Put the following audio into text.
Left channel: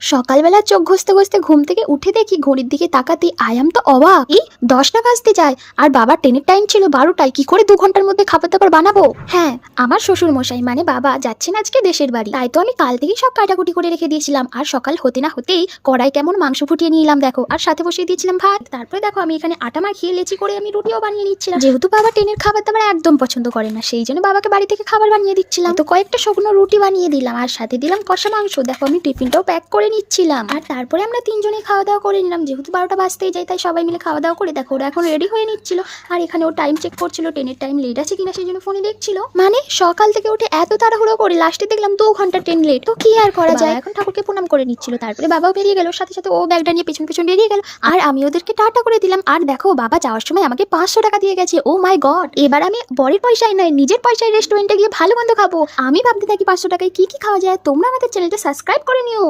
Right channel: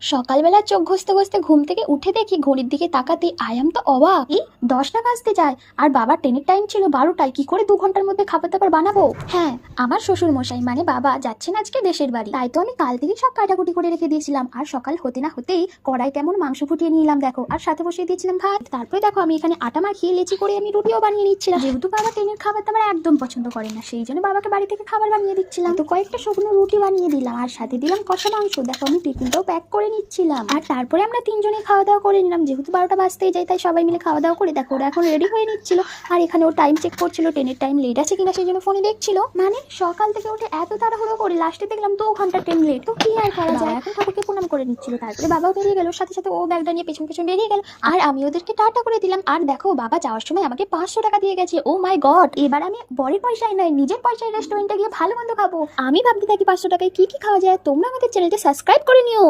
সকালবেলা চোখ ঘষতে ঘষতে ঘুম থেকে উঠে দেখি ঘড়ির দিকে তাকাতে আয়াম তো অবাক, এই 10টা বাজতে যায় আর বাবার ট্রেনের টাইম ছিল 12টায়। কি করে 2 ঘন্টার মধ্যে খাবার দাবার বানাবো? হ্যাঁ, আমার শ্বশুর মশাই মানে বাবা যাচ্ছেন আজকে দেশের বাড়ি, তাই তো আমি কাল থেকেই সব কাটাকুটি করে রেখে দিয়েছিলাম। আর সকাল হতে না হতেই কড়াই কেমন মাংস ফুটিয়ে নিয়ে এলাম দেখো, আর সাথে বসিয়ে দিয়েছিলাম ভাত। তারপরে দেখো আমি এখানে আটা মাখিয়ে লেচি করে আমি রুটিও বানিয়ে নিচ্ছিলাম। যেহেতু বাবা ট্রেনের খাবার দাবার একদম পছন্দ করে না, সেই জন্য বাবাকে বাড়ি থেকে খাবার বানিয়ে দিচ্ছিলাম। তো কয়েকটা শুকনো রুটি বানিয়ে দিলাম আর সাথে দিলাম কষা মাংস। দেখো আমি টিফিনটাও প্যাক করে নিচ্ছিলাম। আর তারপরে আমরা তিনজনে খাওয়া দাওয়া করে নিলাম, যেহেতু 12টা বাজতেই যায় তাই সবাই মিলে খাওয়া দাওয়া করে দেখো ওরা এখন রেডি হয়ে নিচ্ছিল। আর এখানে ও টাইম চেক করছিল, ট্রেনের টাইম লেট আছে কিনা সেই জন্য ফোনে দেখছিল। মানে সকাল থেকে উঠে এত তাড়াহুড়ো করে লাস্টে দেখলাম 2 ঘন্টা ট্রেন লেট। তো কি আর করা যায়, এখন ঠাকুরকে প্রণাম করে নিচ্ছিল। তারপরে বাবাও বেরিয়ে গেল, সাথে সাথে ও ব্যাগটা নিয়ে পেছন পেছন বেরিয়ে গেল। আর আমি ওদেরকে টাটা করে দিলাম। আর দেখো বাবা যাওয়ার সময় আমাকে 500 টাকা দিয়ে গেছে। ও মাই গড, এবার আমি বরের পয়সায় নয় নিজের পয়সায় রেস্টুরেন্টে গিয়ে ভালো মন্দ খাবো। আমি ভাবতে থাকি 500 টাকায় কি কি খাওয়া যায়। তোমরা আমাদের চ্যানেলটা সাবস্ক্রাইব করে নিও।